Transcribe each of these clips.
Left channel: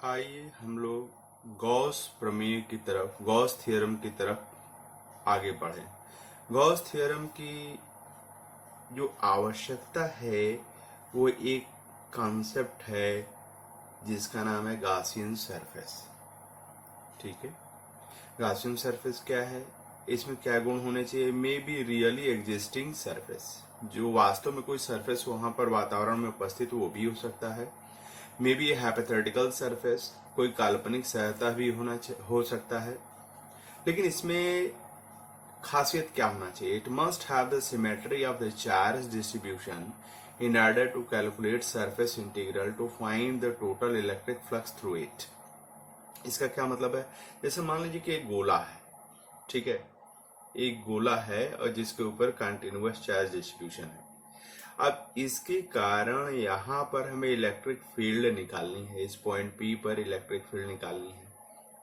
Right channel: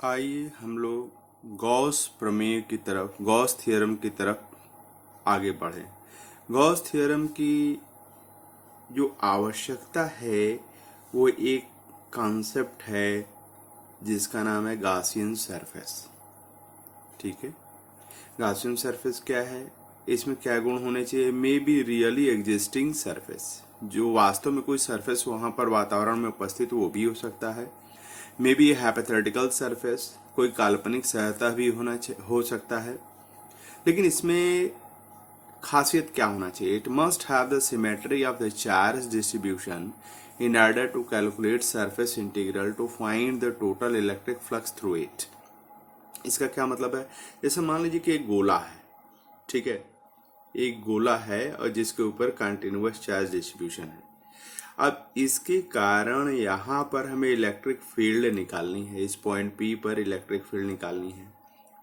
आइए हम लोग गॉस प्रमेय की तरफ, गॉस थ्योरम की तरफ आगे बढ़ें। गॉस थ्योरम की जो आवश्यकता है वो एक कॉन्सेप्ट है जिसका नाम है गॉसियन सरफेस। ठीक है, गॉसियन सरफेस क्या है, इसमें क्या गुण होने चाहिए? May be really existing surface, जो वास्तव में कोई सरफेस वहाँ पर वातावरण में उपस्थित वो भी हो सकता है। मे बी हाइपोथेटिकल सरफेस, कोई काल्पनिक सतह भी हो सकता है। लेकिन इसमें खासियत क्या होना चाहिए? It must have the symmetry of the charge distribution in order to calculate surface integral to find the total electric flux through it. इसका क्या मतलब है? जैसे मान लीजिए कि एक गोला है, ठीक है, एक गोला है और जिसके ऊपर कंटिन्यूअस चार्ज डिस्ट्रीब्यूशन है। अब इसके कारण यहाँ पर हमें इलेक्ट्रिक फील्ड निकालनी है, इस पॉइंट पी पर इलेक्ट्रिक फील्ड निकालनी है।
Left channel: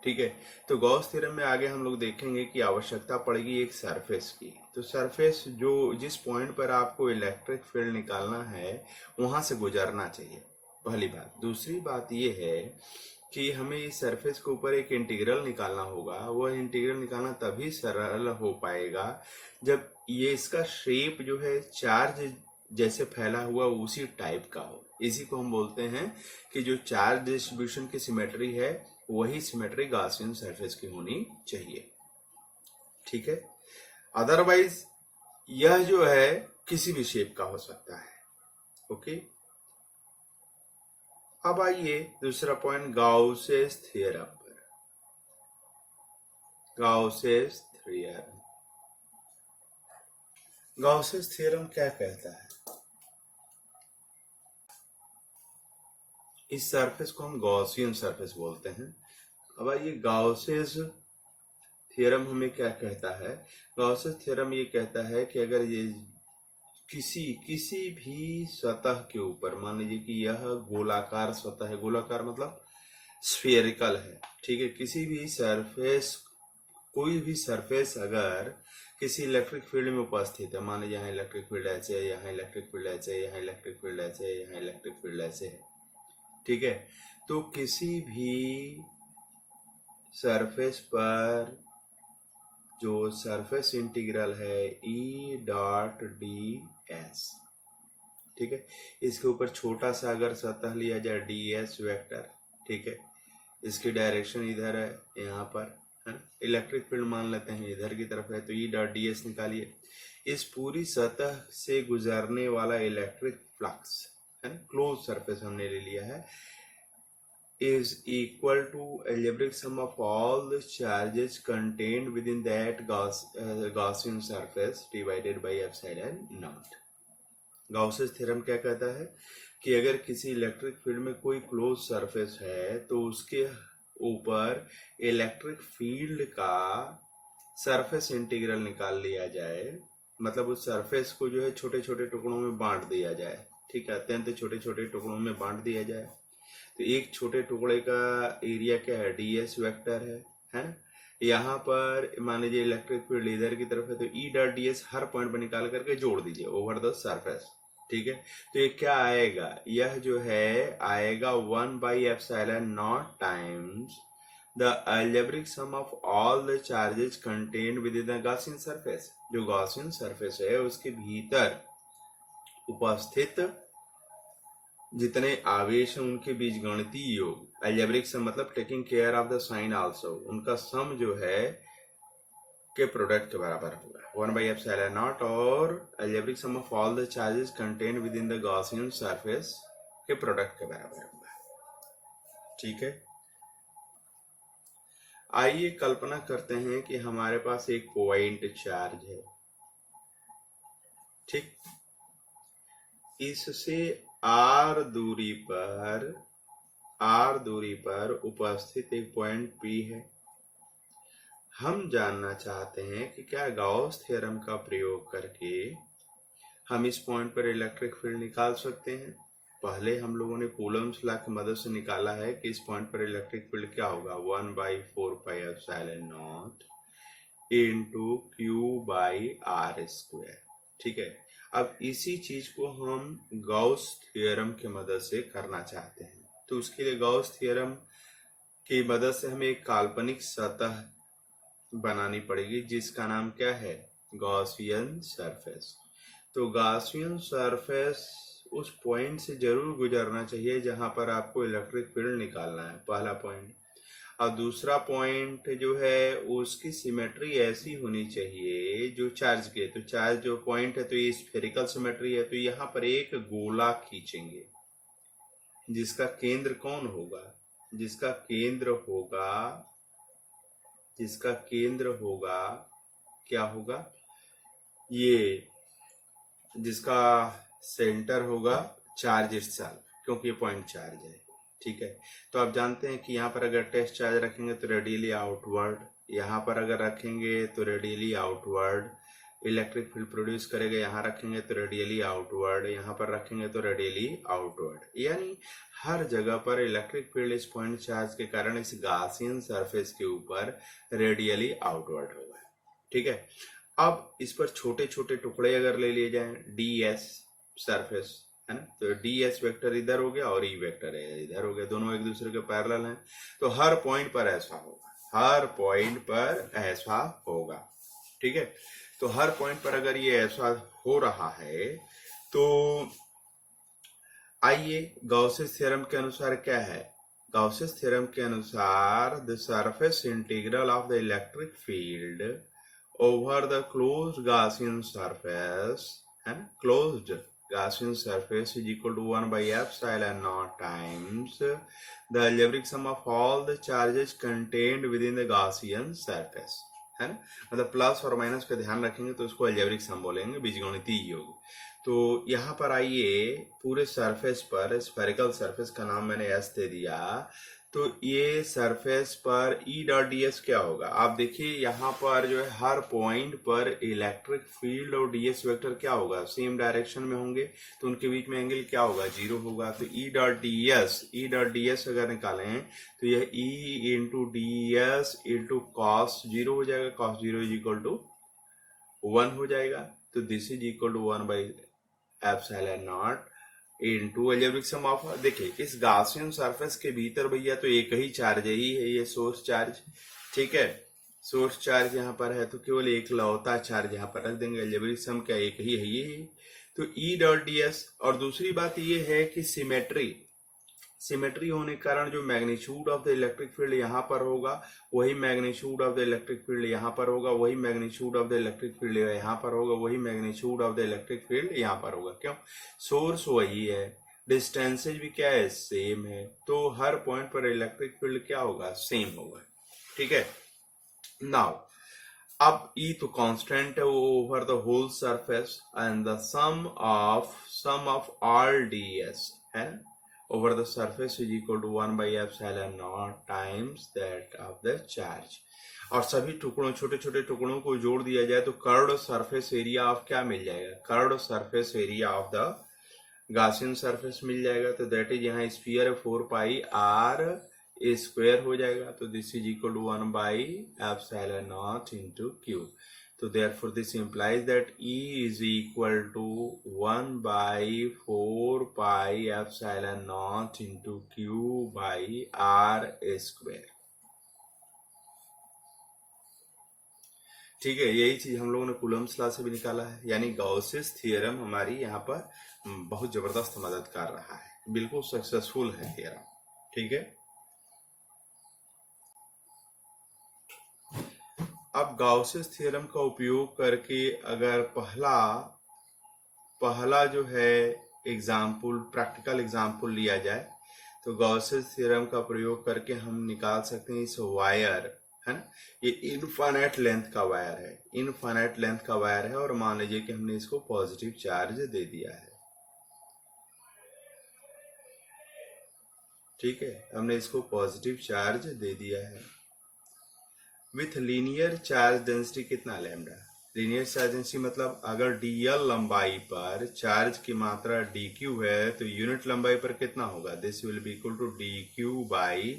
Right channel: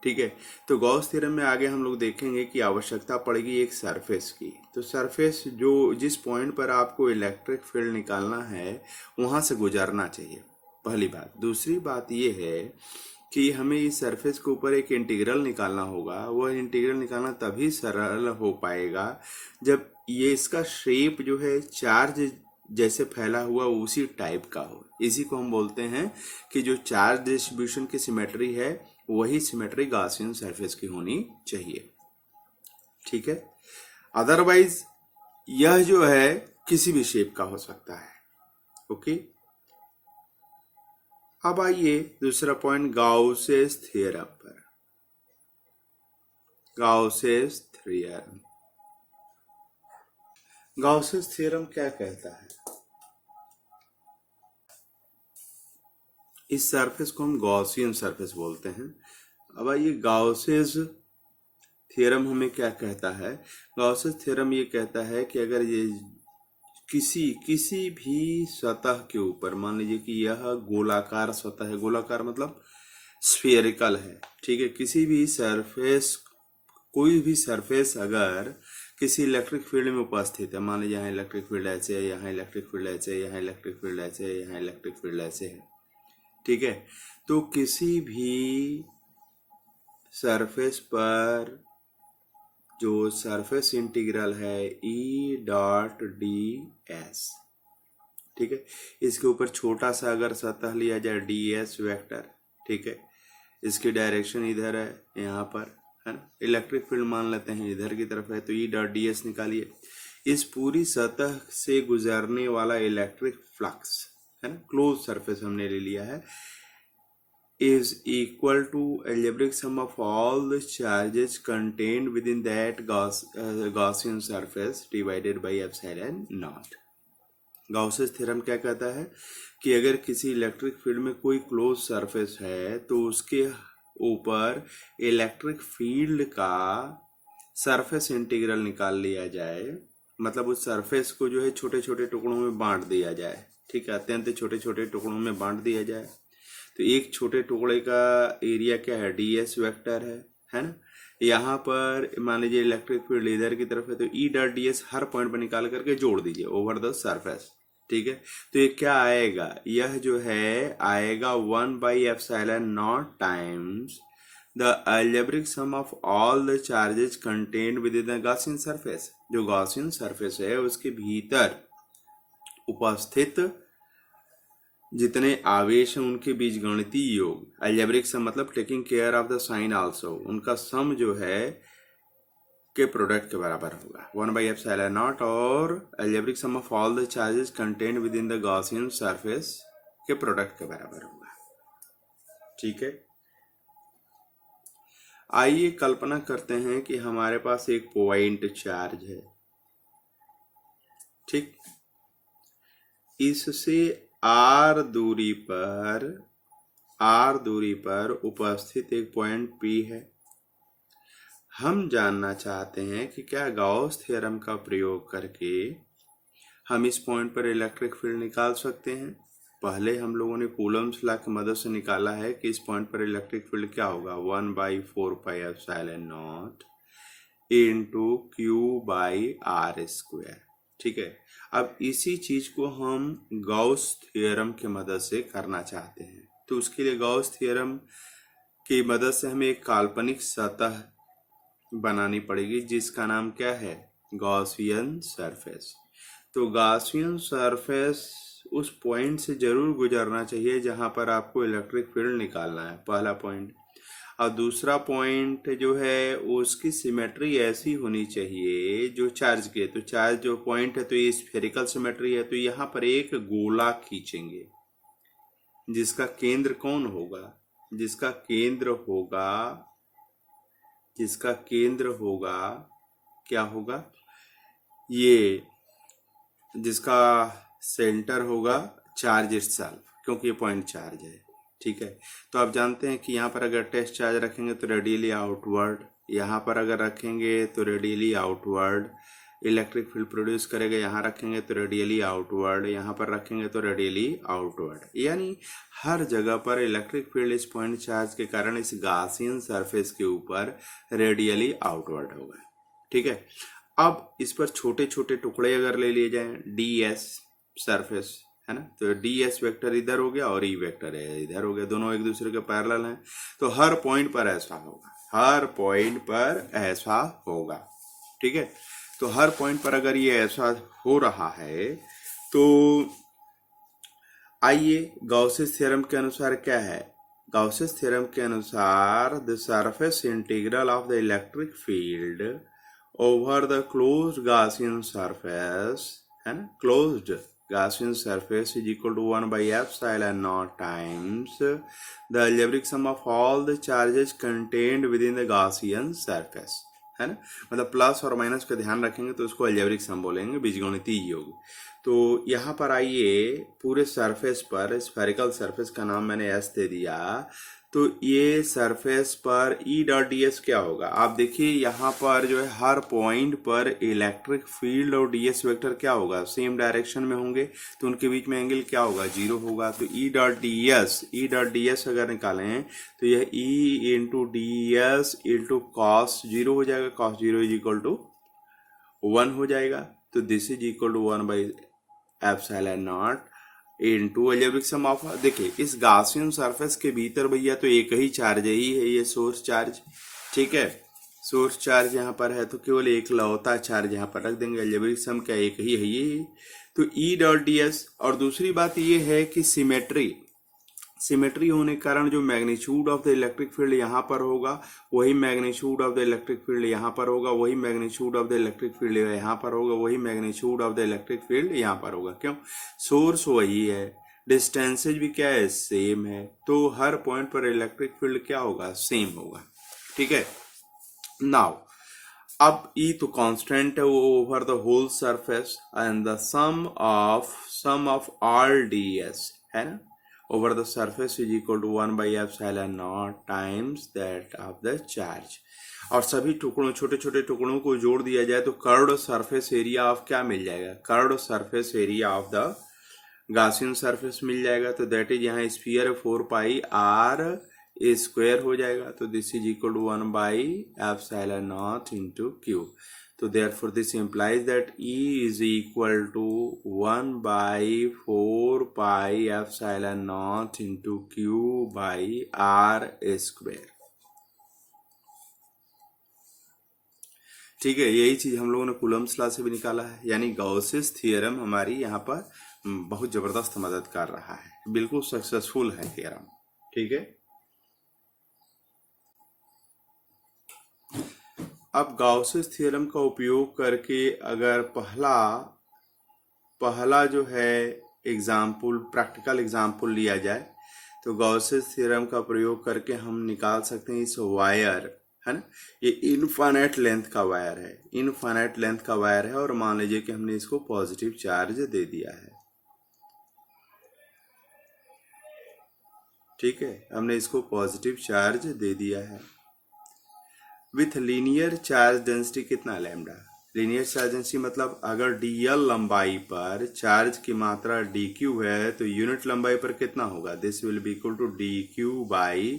ठीक है, तो गॉस थ्योरम में आगे हम लोग देखेंगे कि आवश्यकता पड़ेगी एक सरफेस की। तो सरफेस जो जिस पॉइंट पर आपको इलेक्ट्रिक फील्ड निकालना है वहाँ से गुजरना चाहिए, पहली बात। दूसरी बात ये है कि हमें इस सरफेस के ऊपर एक इंटीग्रल निकालना होगा। वह इंटीग्रल निकालना तभी सरल हो पाएगा जब ये इसका शेप जो है चार्ज जैसे फैला हुआ उसी टाइप का हो। इसी को हम बोलते हैं कि जो चार्ज डिस्ट्रीब्यूशन की सिमेट्री है वही सिमेट्री गॉसियन सरफेस की होनी चाहिए। ठीक है, अदरवाइज यह जो है किसी भी शेप का हो सकता है। ओके, अब आइए दूसरा पॉइंट गाउसेस थ्योरम पर। गाउसेस थ्योरम, गाउसेस थ्योरम क्या कहता है? इस सरफेस को हम गॉसियन सरफेस बोलते हैं। अब आइए गाउसेस थ्योरम हमें क्या कहता है? गाउसेस थ्योरम ये कहता है कि अगर ये किसी भी सतह के ऊपर, मान लीजिए कि यह गोलाकार सतह है, गोलाकार मतलब स्फेरिकल है, ठीक है, किसी भी सरफेस, कोई भी सरफेस अगर किसी इलेक्ट्रिक फील्ड में उपस्थित है, मान लीजिए यहाँ इलेक्ट्रिक फील्ड ऐसे है, यहाँ इलेक्ट्रिक फील्ड ऐसे है, यहाँ इलेक्ट्रिक फील्ड ऐसे है, यहाँ इलेक्ट्रिक फील्ड ऐसे है, ठीक है, तो किसी भी सरफेस पर जो सरफेस इंटीग्रल है ई डॉट डी एस, ठीक है, इसके ऊपर छोटा सा अगर सतह लिया जाए डी एस वेक्टर, ठीक है, इसकी डायरेक्शन इधर है, यहाँ पर है ना, इलेक्ट्रिक फील्ड मान लेते हैं इधर की तरफ है, तो ई डॉट डी एस निकालिए। इस पूरी सतह से गुजरने वाला इलेक्ट्रिक फ्लक्स है ना, क्लोज सरफेस हमने ले लिया है, is equal to algebraic sum of all the charges contained within that Gaussian surface divided by epsilon naught। Gauss's theorem क्या कहता है कि अगर किसी इलेक्ट्रिक फील्ड में कोई क्लोज सरफेस है तो उसके ऊपर इलेक्ट्रिक फील्ड का सरफेस इंटीग्रल निकाल लिया जाए, मतलब उस सरफेस को जो है छोटे छोटे टुकड़ों में बांट दिया जाए, ठीक है, अत्यंत छोटे छोटे टुकड़ों में बांट दिया जाए। तो एक छोटे टुकड़े का एरिया क्या है? डी एस वेक्टर है ना। यहाँ पर मान लीजिए इलेक्ट्रिक फील्ड इधर की तरफ है, तो ई डॉट डी एस हर पॉइंट पर निकाल करके जोड़ दीजिए ओवर द सरफेस, ठीक है। तो ये क्या आएगा? यह जो है आएगा 1/एप्सिलॉन naught times the algebraic sum of all the charges contained within the Gaussian surface. जो गॉसियन सरफेस है उसके भीतर उपस्थित जितने आवेश हैं उनके बीच गणितीय योग, अलजेब्रिक सम मतलब taking care of the sign also, उनका सम जो है के प्रोडक्ट के बराबर होगा 1/एप्सिलॉन नॉट, और algebraic sum of all the charges contained within the Gaussian surface के प्रोडक्ट के बराबर होगा। ठीक है, आइए कल्पना करते हैं कि हमारे पास एक पॉइंट चार्ज है, ठीक, इससे आर दूरी पर उपस्थित एक पॉइंट पी है। हम जानना चाहते हैं कि क्या गाउस थ्योरम का प्रयोग करके हम इस पॉइंट पर इलेक्ट्रिक फील्ड निकाल सकते हैं। पहले हम लोगों ने कूलम्स लॉ की मदद से निकाला है कि इस पॉइंट पर इलेक्ट्रिक फील्ड क्या होगा, 1/4πε0 इंटू Q/r²। ठीक है, अब इसी चीज को हम गाउस थ्योरम की मदद से करना चाहते हैं। तो उसके लिए गॉस थ्योरम की मदद से हमें एक काल्पनिक सतह बनानी पड़ेगी जिसका नाम क्या है, गॉसियन सरफेस। तो गॉसियन सरफेस उस पॉइंट से जरूर गुजरना चाहिए जहां पर आपको इलेक्ट्रिक फील्ड निकालना है, पहला पॉइंट। और दूसरा पॉइंट जो है उसकी सिमेट्री ऐसी होनी चाहिए जो चार्ज के, तो चार्ज जो पॉइंट है तो ये स्फेरिकल सिमेट्री है, तो यहाँ पर एक गोला खींचेंगे जिसका केंद्र कौन होगा, जिसका केंद्र होगा, जिसका केंद्र होगा क्या होगा, ये जिसका सेंटर होगा चार्ज इटसेल्फ, क्योंकि ये पॉइंट चार्ज है। ठीक है, तो आप जानते हैं कि यहाँ पर अगर टेस्ट चार्ज रखेंगे तो रेडियली आउटवर्ड, यहाँ पर अगर रखेंगे तो radially outward electric field produce करेगा, यहाँ रखेंगे तो रेडियली आउटवर्ड, यहाँ पर रखेंगे तो रेडियली आउटवर्ड, यानी हर जगह पर इलेक्ट्रिक फील्ड इस पॉइंट चार्ज के कारण इस गॉसियन सरफेस के ऊपर रेडियली आउटवर्ड होगा। ठीक है, अब इस पर छोटे छोटे टुकड़े अगर ले लिए जाएं, डी एस सरफेस है ना, तो डी एस वेक्टर इधर हो गया और ई वेक्टर है इधर हो गया, दोनों एक दूसरे के पैरेलल हैं, तो हर पॉइंट पर ऐसा होगा, हर पॉइंट पर ऐसा होगा। ठीक है, तो हर पॉइंट पर अगर ये ऐसा हो रहा है तो आइए गॉसेस थ्योरम के अनुसार क्या है, गॉसेस थ्योरम के अनुसार the surface integral of the electric field over the closed Gaussian surface है ना, closed Gaussian surface is equal to 1 by epsilon naught times the algebraic sum of all the charges contained within the Gaussian surface है ना, मतलब plus और minus का ध्यान रखेंगे तो उसको अलजेब्रिक सम बोलेंगे, बीजगणितीय योग। तो यहाँ पर आइए पूरे सरफेस पर, स्फेरिकल सरफेस का नाम मैंने एस दे दिया, तो ये सरफेस पर ई डॉट डी एस क्या होगा, आप देखिए यहाँ पर जो है हर पॉइंट पर इलेक्ट्रिक फील्ड और डी एस वेक्टर क्या होगा, सेम डायरेक्शन में होंगे, तो उनके बीच में एंगल क्या होगा, जीरो होगा। तो ई डॉट डी एस अगर निकालें तो यह E into D S into cos zero हो जाएगा, cos zero is equal to 1 हो जाएगा, तो this is equal to 1 by epsilon naught into algebraic sum of, देखिए इस गॉसियन सरफेस के भीतर भैया तो एक ही चार्ज ही है, ये सोर्स चार्ज। ठीक है, सोर्स चार्ज यहाँ पर है तो केवल एक लौता चार्ज यहाँ पर रख देंगे, अलजेब्रिक सम क्या एक ही है ये, तो ई डॉट डी एस। और दूसरी बात ये है कि सिमेट्री होने के कारण जो magnitude of the electric field यहाँ पर होगा वही magnitude of the electric field यहाँ पर होगा, वही magnitude of the electric field यहाँ पर होगा, वही magnitude of the electric field यहाँ पर होगा। क्यों, सोर्स वही है, डिस्टेंसेज भी क्या है, सेम है, तो हर पॉइंट पर इलेक्ट्रिक फील्ड क्या होगा, सेम होगा। ठीक है, नाउ अब ई तो कांस्टेंट है वो over the whole surface and the sum of all D S है ना over the surface is equal to 1 by epsilon naught times that of the charge। और सभी टुकड़ों, छोटे छोटे टुकड़ों को जोड़ दिया जाए तो कर्व्ड सरफेस एरिया ऑफ क्या मिल जाएगा, curved surface area of the Gaussian surface मिल जाएगा। तो दैट इज यहाँ स्फीयर 4 पाई आर स्क्वायर हो जाएगा, तो this is equal to 1 by epsilon naught into q. तो therefore this implies that E is equal to 1 by 4 pi epsilon naught into Q by R square। ठीक है, यही चीज हम लोगों ने कूलम्स लॉ से भी निकाला है, यानी गॉसेस थ्योरम हमारी यहाँ पर बहुत जबरदस्त मदद कर रहा है, बिल्कुल सक्सेसफुल है थ्योरम। ठीक है, अब गॉसेस थ्योरम का उपयोग करके अगर पहला जो है एग्जाम्पल, प्रैक्टिकल एग्जाम्पल लिया जाए तो गॉसेस थ्योरम का प्रयोग करके हम निकाल सकते हैं इस वायर है ना, ये इनफाइनाइट लेंथ का वायर है, इनफाइनाइट लेंथ का वायर है, और मान लीजिए कि हमने इसको पॉजिटिव चार्ज दे दिया है। ठीक है, हमने इसको पॉजिटिव चार्ज दे दिया है विथ लीनियर चार्ज डेंसिटी कितना, लैम्डा। लीनियर चार्ज डेंसिटी मतलब अगर dl लंबाई पर चार्ज की मात्रा dq है तो यूनिट लंबाई पर कितना होगा, this will be equal to dq by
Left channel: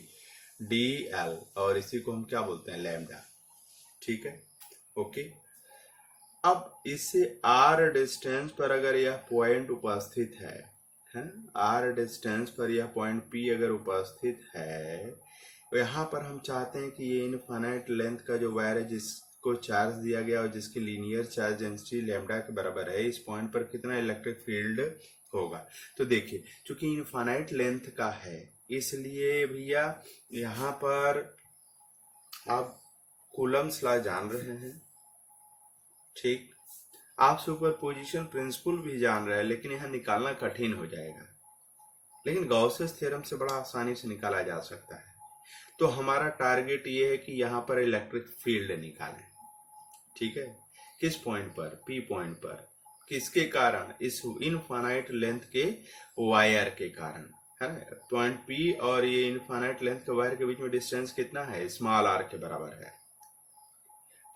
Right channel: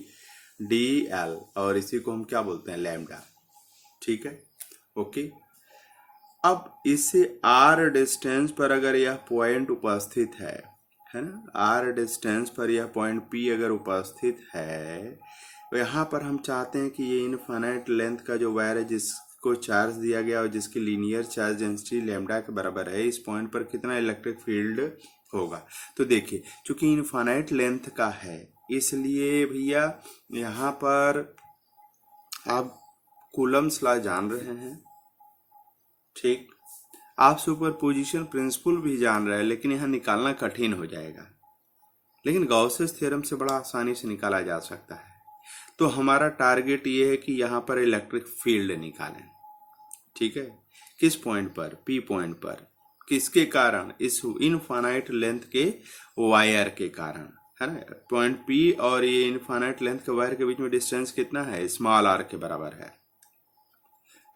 dl, और इसी को हम क्या बोलते हैं, लैम्डा। ठीक है, ओके। अब इससे r डिस्टेंस पर अगर यह पॉइंट उपस्थित है है ना, आर डिस्टेंस पर यह पॉइंट पी अगर उपस्थित है, तो यहाँ पर हम चाहते हैं कि ये इनफाइनाइट लेंथ का जो वायर है जिसको चार्ज दिया गया और जिसकी लीनियर चार्ज डेंसिटी लैम्डा के बराबर है, इस पॉइंट पर कितना इलेक्ट्रिक फील्ड होगा। तो देखिए, चूंकि इनफाइनाइट लेंथ का है, इसलिए भैया यहाँ पर आप कूलम्स लॉ जान रहे हैं, ठीक, आप सुपरपोजिशन प्रिंसिपल भी जान रहे हैं, लेकिन यहाँ निकालना कठिन हो जाएगा, लेकिन गॉसेस थ्योरम से बड़ा आसानी से निकाला जा सकता है। तो हमारा टारगेट ये है कि यहाँ पर इलेक्ट्रिक फील्ड निकालें, ठीक है, किस पॉइंट पर, पी पॉइंट पर, किसके कारण, इस इनफाइनाइट लेंथ के वायर के कारण, है ना। पॉइंट पी और ये इनफाइनाइट लेंथ के वायर के बीच में डिस्टेंस कितना है, स्मॉल आर के बराबर है,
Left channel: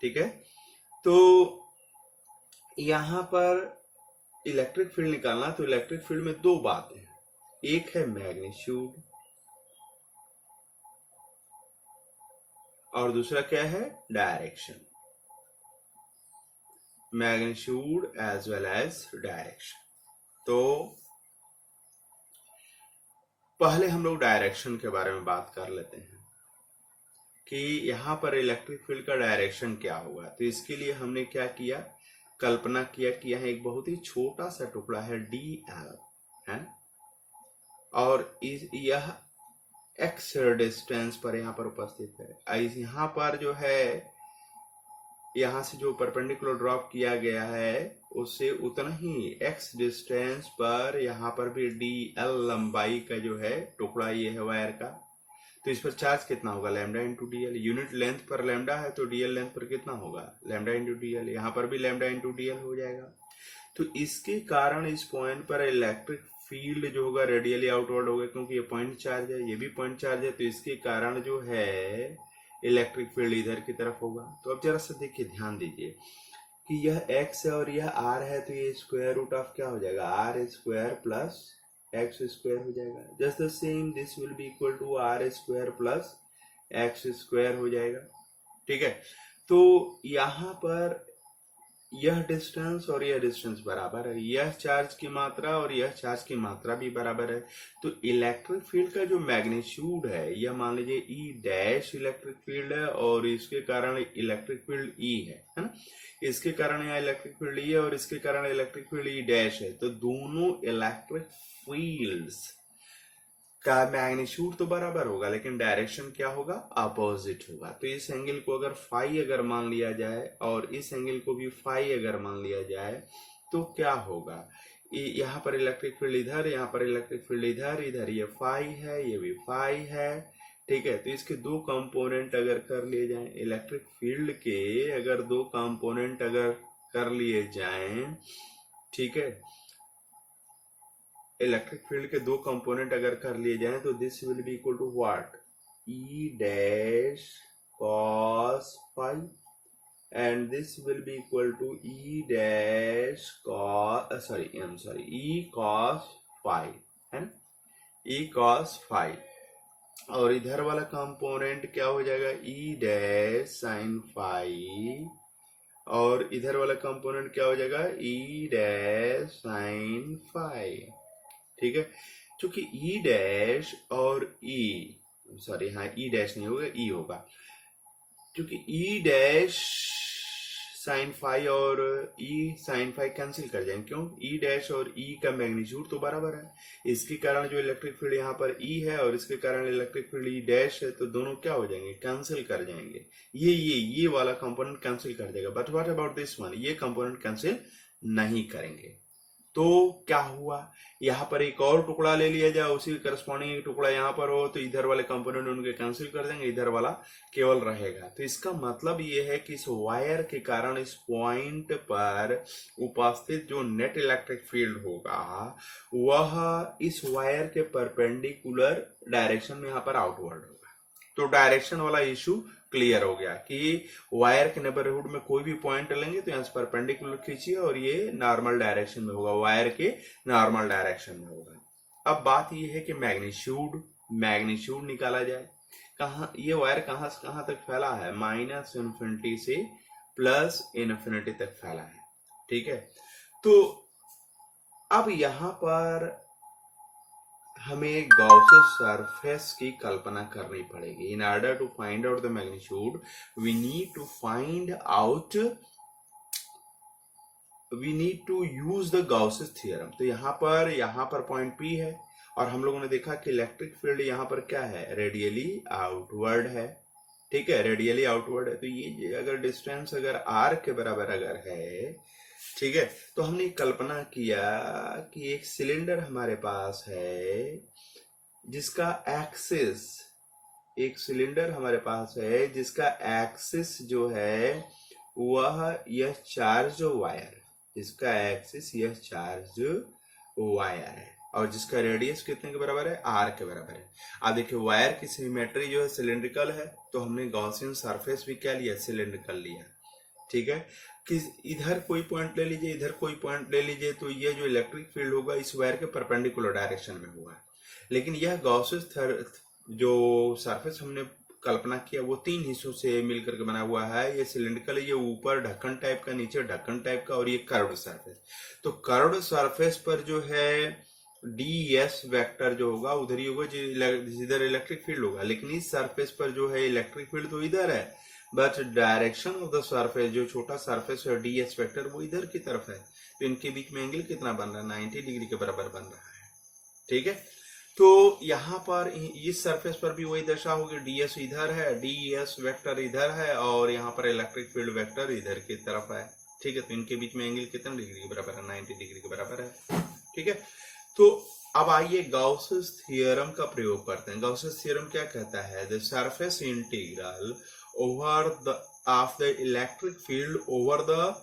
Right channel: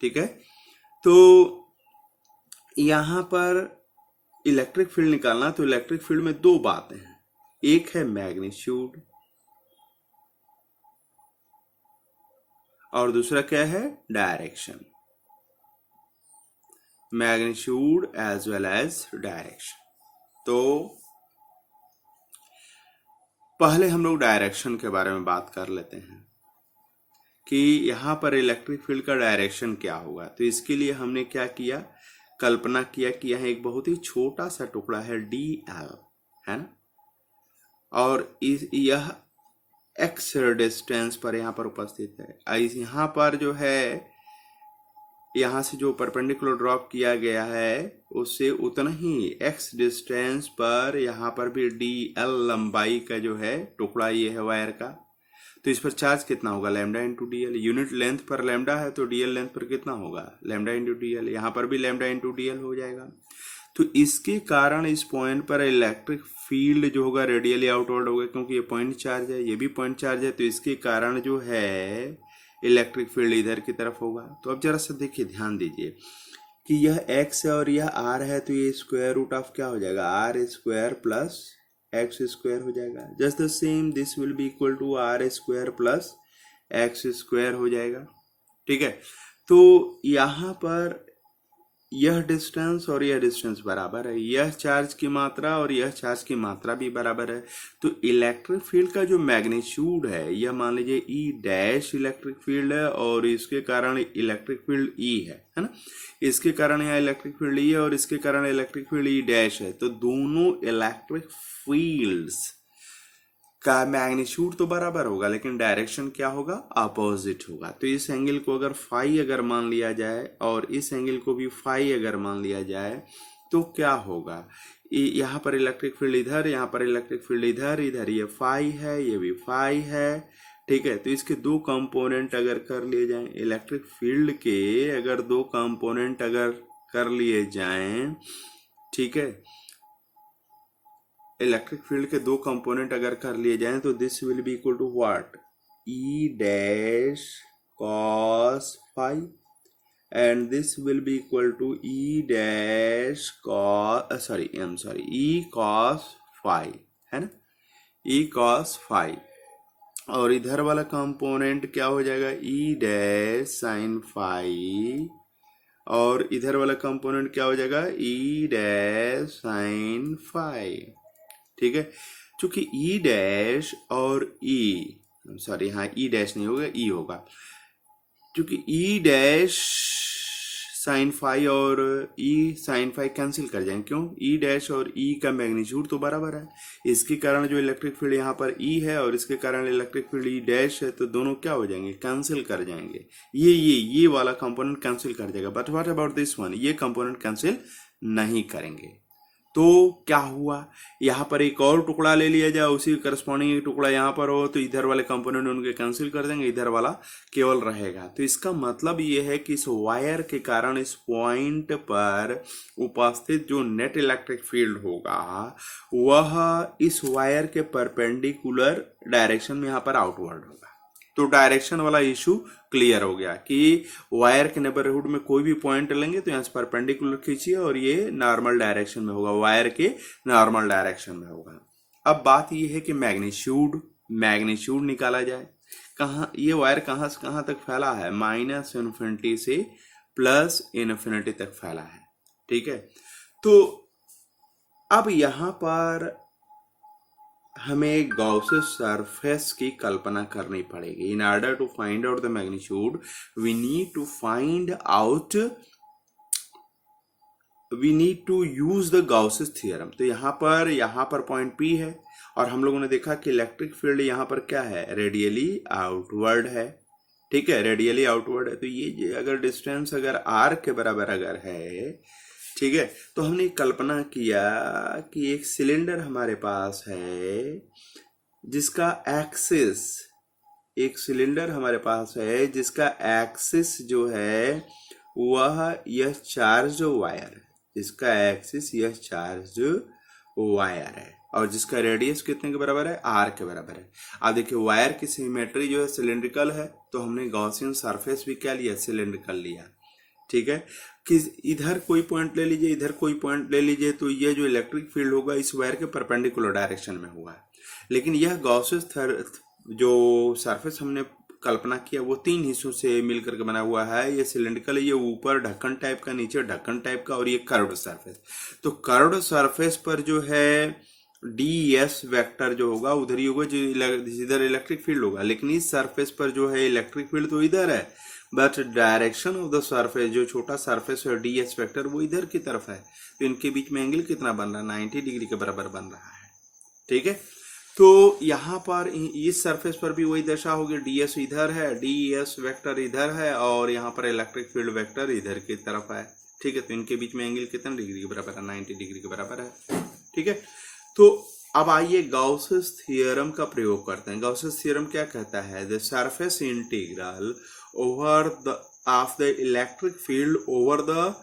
ठीक है। तो यहाँ पर इलेक्ट्रिक फील्ड निकालना, तो इलेक्ट्रिक फील्ड में दो बातें हैं, एक है मैग्नीट्यूड और दूसरा क्या है, direction, magnitude as well as direction. तो पहले हम लोग डायरेक्शन के बारे में बात कर लेते हैं कि यहाँ पर इलेक्ट्रिक फील्ड का डायरेक्शन क्या होगा। तो इसके लिए हमने क्या किया, कल्पना किया कि यह एक बहुत ही छोटा सा टुकड़ा है DL, है ना, और यह x डिस्टेंस पर यहाँ पर उपस्थित है। यहाँ पर जो है, यहाँ से जो परपेंडिकुलर ड्रॉप किया गया है उससे उतना ही x डिस्टेंस पर यहाँ पर भी DL लंबाई का जो है टुकड़ा ये है वायर का। तो इस पर चार्ज कितना होगा, lambda into DL, unit length पर लैम्डा है तो DL लेंथ पर कितना होगा, लैम्डा इंटू DL, यहाँ पर भी लैम्डा इंटू DL हो जाएगा। तो इसके कारण इस पॉइंट पर इलेक्ट्रिक फील्ड जो होगा रेडियली आउटवर्ड होगा, क्योंकि ये पॉइंट चार्ज है, ये भी पॉइंट चार्ज है, तो इसके कारण जो है इलेक्ट्रिक फील्ड इधर की तरफ होगा। तो अब जरा सा देखिए, ध्यान दीजिए कि यह x है और यह r है, तो ये स्क्वायर रूट ऑफ क्या हो जाएगा, r square plus x square हो जाएगा। Just the same this will be equal to r square plus x square हो जाएगा, ठीक है। तो यहाँ पर यह डिस्टेंस और यह डिस्टेंस बराबर है, यह चार्ज की मात्रा और यह चार्ज की मात्रा भी बराबर है। तो इलेक्ट्रिक फील्ड का जो मैग्नीट्यूड है, यह मान लीजिए E डैश इलेक्ट्रिक फील्ड है और इसके कारण इलेक्ट्रिक फील्ड E है ना, इसके कारण यहाँ इलेक्ट्रिक फील्ड E है और इसके कारण इलेक्ट्रिक फील्ड E डैश है। तो दोनों इलेक्ट्रिक फील्ड्स का मैग्नीट्यूड तो बराबर होगा, लेकिन डायरेक्शन क्या होगा, अपोजिट होगा। तो इस एंगल को अगर फाई अगर मान लिया जाए और इस एंगल को भी फाई अगर मान लिया जाए, तो क्या होगा, यहाँ पर इलेक्ट्रिक फील्ड इधर, यहाँ पर इलेक्ट्रिक फील्ड इधर, इधर ये फाई है, ये भी फाई है, ठीक है। तो इसके दो कंपोनेंट अगर कर लिए जाएं, इलेक्ट्रिक फील्ड के अगर दो कंपोनेंट अगर कर लिए जाएं, ठीक है, इलेक्ट्रिक फील्ड के दो कंपोनेंट अगर कर लिए जाएं, तो this will be equal to what, E dash cos phi and this will be equal to E dash cos E cos phi, है ना, E cos phi। और इधर वाला कंपोनेंट क्या हो जाएगा, E डैश sin phi, और इधर वाला कंपोनेंट क्या हो जाएगा, E डैश sin phi, ठीक है। चूंकि E डैश और हाँ E डैश नहीं होगा, E होगा, क्योंकि E डैश साइन फाई और E साइन फाई कैंसिल कर जाएंगे, क्यों, E डैश और E का मैग्नीट्यूड तो बराबर है, इसके कारण जो इलेक्ट्रिक फील्ड यहाँ पर E है और इसके कारण इलेक्ट्रिक फील्ड E डैश है, तो दोनों क्या हो जाएंगे, कैंसिल कर जाएंगे, ये वाला कंपोनेंट कैंसिल कर जाएगा। But what about this one, ये कंपोनेंट कैंसिल नहीं करेंगे। तो क्या हुआ, यहाँ पर एक और टुकड़ा ले लिया जाए, उसी करस्पॉन्डिंग एक टुकड़ा यहाँ पर हो, तो इधर वाले कंपोनेंट उनके कैंसिल कर देंगे, इधर वाला केवल रहेगा। तो इसका मतलब ये है कि इस वायर के कारण इस पॉइंट पर उपस्थित जो नेट इलेक्ट्रिक फील्ड होगा वह इस वायर के परपेंडिकुलर डायरेक्शन में यहाँ पर आउटवर्ड होगा। तो डायरेक्शन वाला इशू क्लियर हो गया कि वायर के नेबरहुड में कोई भी पॉइंट लेंगे तो यहाँ से परपेंडिकुलर खींचिए और ये नॉर्मल डायरेक्शन में होगा, वायर के नॉर्मल डायरेक्शन में होगा। अब बात ये है कि मैग्नीट्यूड निकाला जाए। कहाँ ये वायर कहाँ से कहाँ तक फैला है, -इन्फिनिटी से +इन्फिनिटी तक फैला है, ठीक है। तो अब यहाँ पर हमें गॉसेस सरफेस की कल्पना करनी पड़ेगी। In order to find out the magnitude we need to use the Gauss's theorem. तो यहाँ पर पॉइंट पी है, और हम लोगों ने देखा कि इलेक्ट्रिक फील्ड यहाँ पर क्या है, रेडियली आउटवर्ड है। ठीक है, रेडियली आउटवर्ड है। तो ये अगर डिस्टेंस अगर आर के बराबर अगर है, ठीक है, तो हमने कल्पना किया कि एक सिलेंडर हमारे पास है जिसका एक्सिस, एक सिलेंडर हमारे पास है जिसका एक्सिस जो है वह यह चार्ज वायर है, जिसका एक्सिस यह चार्ज वायर है, और जिसका रेडियस कितने के बराबर है, आर के बराबर है। अब देखिए वायर की सिमेट्री जो है सिलेंड्रिकल है, तो हमने गॉसियन सरफेस भी क्या लिया, सिलेंड्रिकल लिया। ठीक है, कि इधर कोई पॉइंट ले लीजिए, इधर कोई पॉइंट ले लीजिए, तो ये जो इलेक्ट्रिक फील्ड होगा इस वायर के परपेंडिकुलर डायरेक्शन में हुआ है। लेकिन यह गॉसेस जो सरफेस हमने कल्पना किया वो तीन हिस्सों से मिलकर के बना हुआ है। ये सिलेंड्रिकल है, ये ऊपर ढक्कन टाइप का, नीचे ढक्कन टाइप का, और ये कर्व्ड सरफेस। तो कर्व्ड सरफेस पर जो है डी एस वेक्टर जो होगा उधर ही होगा, जिधर इलेक्ट्रिक फील्ड होगा। लेकिन इस सरफेस पर जो है इलेक्ट्रिक फील्ड तो इधर है, but direction of the surface, जो छोटा सरफेस है डी एस वेक्टर, वो इधर की तरफ है। तो इनके बीच में एंगल कितना बन रहा है, 90 डिग्री के बराबर बन रहा है। ठीक है, तो यहाँ पर इस सरफेस पर भी वही दशा होगी, डी एस इधर है, डी एस वेक्टर इधर है, और यहाँ पर इलेक्ट्रिक फील्ड वेक्टर इधर की तरफ है। ठीक है, तो इनके बीच में एंगल कितना डिग्री के बराबर है, 90 डिग्री के बराबर है। ठीक है, तो अब आइए गॉसेस थ्योरम का प्रयोग करते हैं। गॉसेस थ्योरम क्या कहता है, the surface integral over the of the electric field over the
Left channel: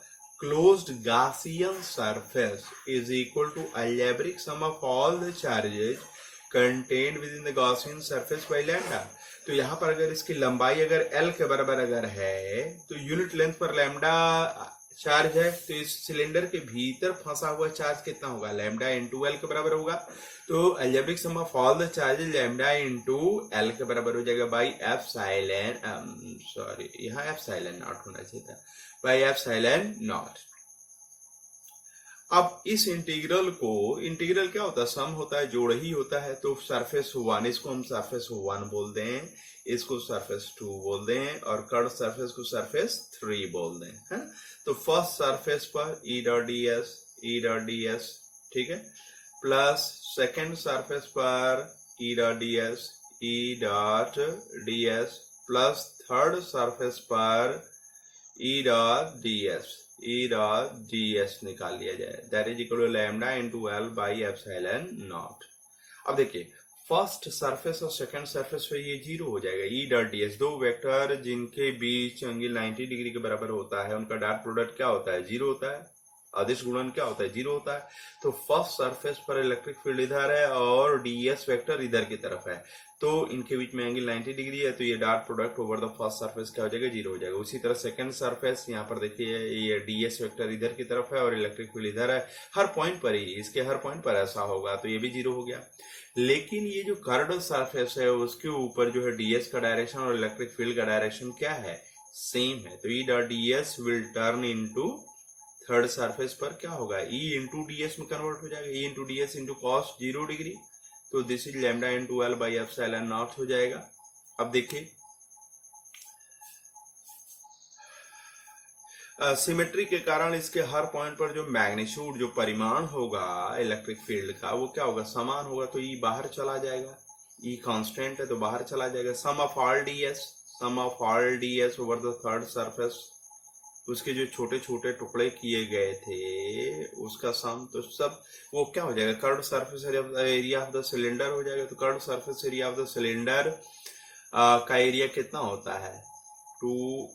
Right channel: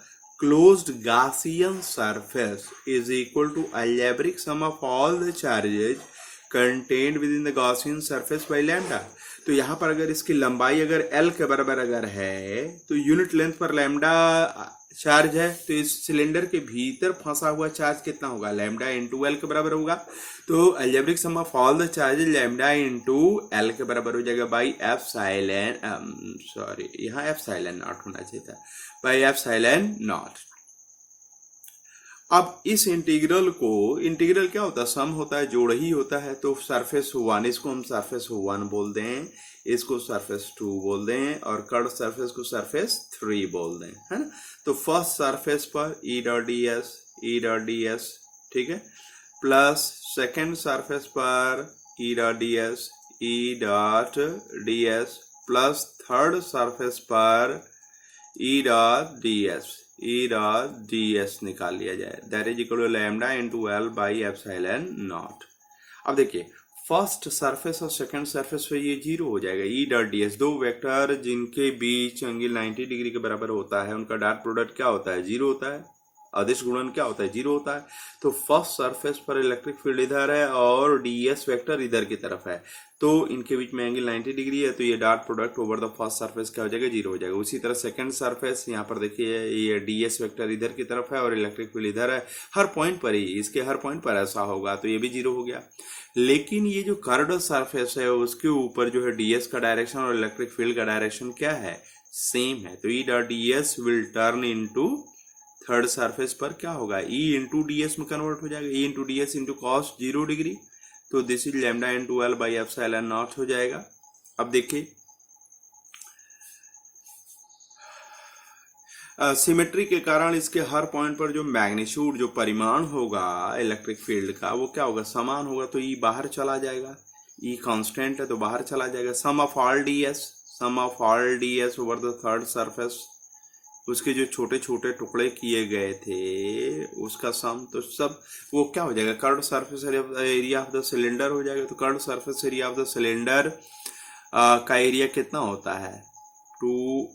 closed Gaussian surface is equal to algebraic sum of all the charges contained within the Gaussian surface by lambda। तो यहाँ पर अगर इसकी लंबाई अगर L के बराबर अगर है, तो यूनिट लेंथ पर लैम्डा चार्ज है, तो इस सिलेंडर के भीतर फंसा हुआ चार्ज कितना होगा, लैम्डा इंटू एल के बराबर होगा। तो algebraic sum of all the charges lambda into L के बराबर हो जाएगा बाई एफ साइलेन, सॉरी यहाँ एफ साइलेन नॉट होना चाहिए था, बाई एफ साइलेन नॉट। अब इस इंटीग्रल क्या होता है, सम होता है, जोड़ ही होता है। तो सरफेस 1 इसको हम सरफेस 1 बोल दें, इसको सरफेस 2 बोल दें, और कर्व सरफेस को सरफेस 3 बोल दें, है ना। तो फर्स्ट सरफेस पर ई डॉट डी एस, ठीक है, प्लस सेकेंड सरफेस पर E dot D S, plus third surface पर ई डॉट डी एस निकाल लिया जाए, that is equal to lambda into L by epsilon naught. अब देखिए फर्स्ट सरफेस और सेकंड सरफेस पे ये जीरो हो जाएगा, ई डॉट डी एस, दो वेक्टर जिनके बीच एंगल 90 डिग्री के बराबर होता है उनका डॉट प्रोडक्ट क्या होता है, जीरो होता है, अदिश गुणन क्या होता है, जीरो होता है। तो फर्स्ट सरफेस पर इलेक्ट्रिक फील्ड इधर है और डीएस वेक्टर इधर की तरफ है, तो इनके बीच में एंगल 90 डिग्री है, तो ये dot product over the first surface क्या हो जाएगा, जीरो हो जाएगा। उसी तरह सेकंड सरफेस यहाँ पर देखिए ये डीएस वेक्टर इधर की तरफ है और इलेक्ट्रिक फील्ड इधर है, हर पॉइंट पर ही, इसके हर पॉइंट पर ऐसा होगा, तो ये भी जीरो हो गया। लेकिन ये जो कर्व्ड सरफेस है उसके ऊपर जो है डीएस का डायरेक्शन और इलेक्ट्रिक फील्ड का डायरेक्शन क्या है, सेम है। तो E dot DS will turn into third surface पर क्या होगा, ई इंटू डीएस में कन्वर्ट हो जाएगा, E into DS into cos 0 degree, तो this is lambda into L by epsilon naught हो जाएगा। अब देखिए सिमेट्री के कारण इसके हर पॉइंट पर जो मैग्नीट्यूड, जो परिमाण होगा इलेक्ट्रिक फील्ड का, वो क्या होगा, समान होगा, तो ई बाहर चला जाएगा, ई कांस्टेंट है तो बाहर चला जाएगा। Sum of all DS over the third surface, उसके जो छोटे छोटे टुकड़े किए गए थे उसका सम, तो सब वो क्या हो जाएगा, curved surface area of the cylinder हो जाएगा। तो curved surface area of the cylinder का एरिया कितना होता है, 2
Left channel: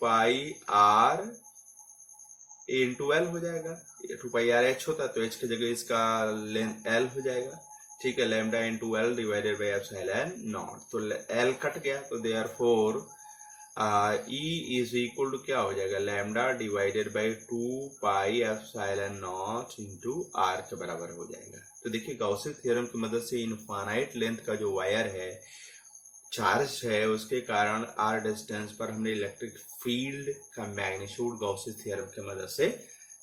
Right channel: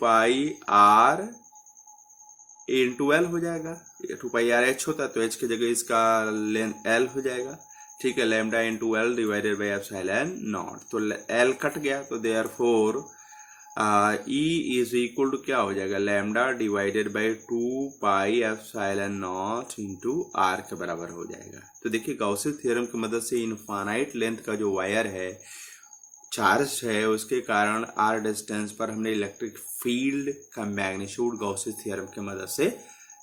पाई आर इंटू एल हो जाएगा, 2 पाई आर एच होता है तो एच की जगह इसका लेंथ एल हो जाएगा, ठीक है, lambda into L divided by epsilon naught. तो एल कट गया, तो therefore E is equal to क्या हो जाएगा, lambda divided by 2 pi epsilon naught into R के बराबर हो जाएगा। तो देखिए गॉसियन थ्योरम की मदद से इनफाइनाइट लेंथ का जो वायर है, चार्ज है, उसके कारण आर डिस्टेंस पर हमने इलेक्ट्रिक फील्ड का मैग्नीट्यूड गॉसियन थ्योरम की मदद से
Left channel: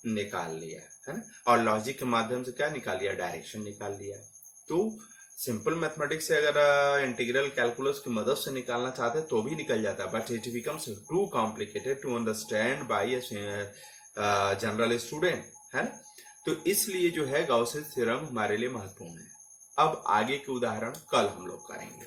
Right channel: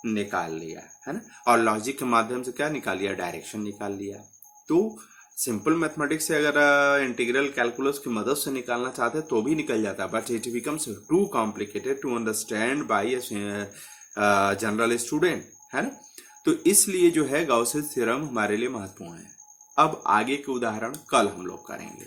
निकाल लिया, है ना। और लॉजिक के माध्यम से क्या निकाल लिया, डायरेक्शन निकाल लिया। तो सिंपल मैथमेटिक्स से अगर इंटीग्रल कैलकुलस की मदद से निकालना चाहते हैं तो भी निकल जाता है, but it becomes too complicated to understand by a general student, है ना। तो इसलिए जो है गॉसेस थ्योरम हमारे लिए महत्वपूर्ण है। अब आगे के उदाहरण कल हम लोग करेंगे।